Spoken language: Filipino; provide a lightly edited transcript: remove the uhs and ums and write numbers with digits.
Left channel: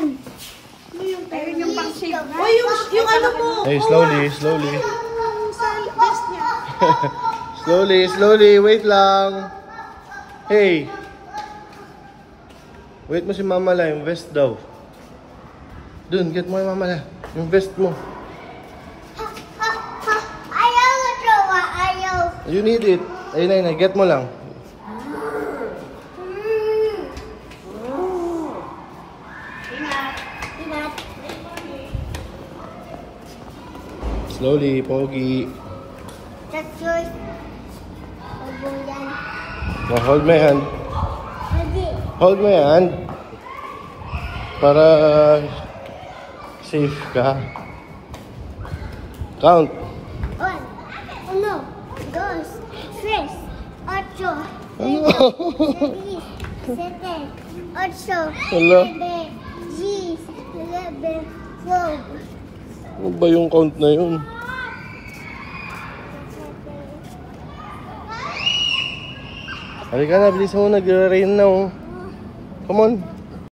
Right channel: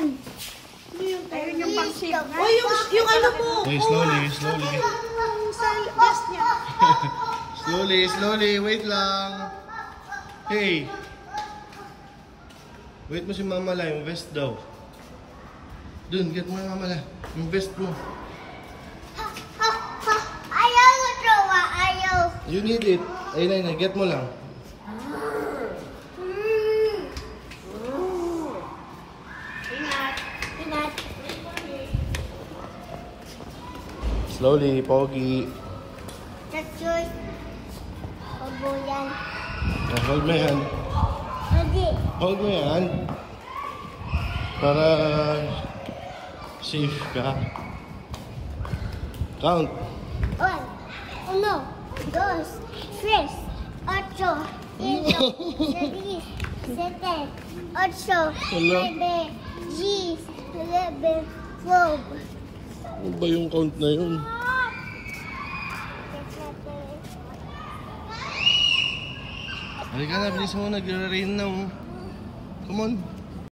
yan. Ano yung tayo niyang pang-shave na? O yung ano mo. Hey, slowly, slowly. Sa vest niya. Slowly, slowly. Wait lang. Hey. Wait mo si Mama la, yung vest daw. Dun, get mo yung Mama la. Yung vest mo. Ayaw mo, Jowa. Ayaw. You need it. Ayun na, get mo lang. Slowly, pogi. That's yours. Pabuyan. Now, hold my hand. Hindi. Hold my hand. Para safe ka. Count. 1, 1, 2, 3, 8, 7, 8, Hello? 9, 10, 11, 12. Ano ba yung count na yun? Halika na, bilis mo. Nag-rain na oh. Come on.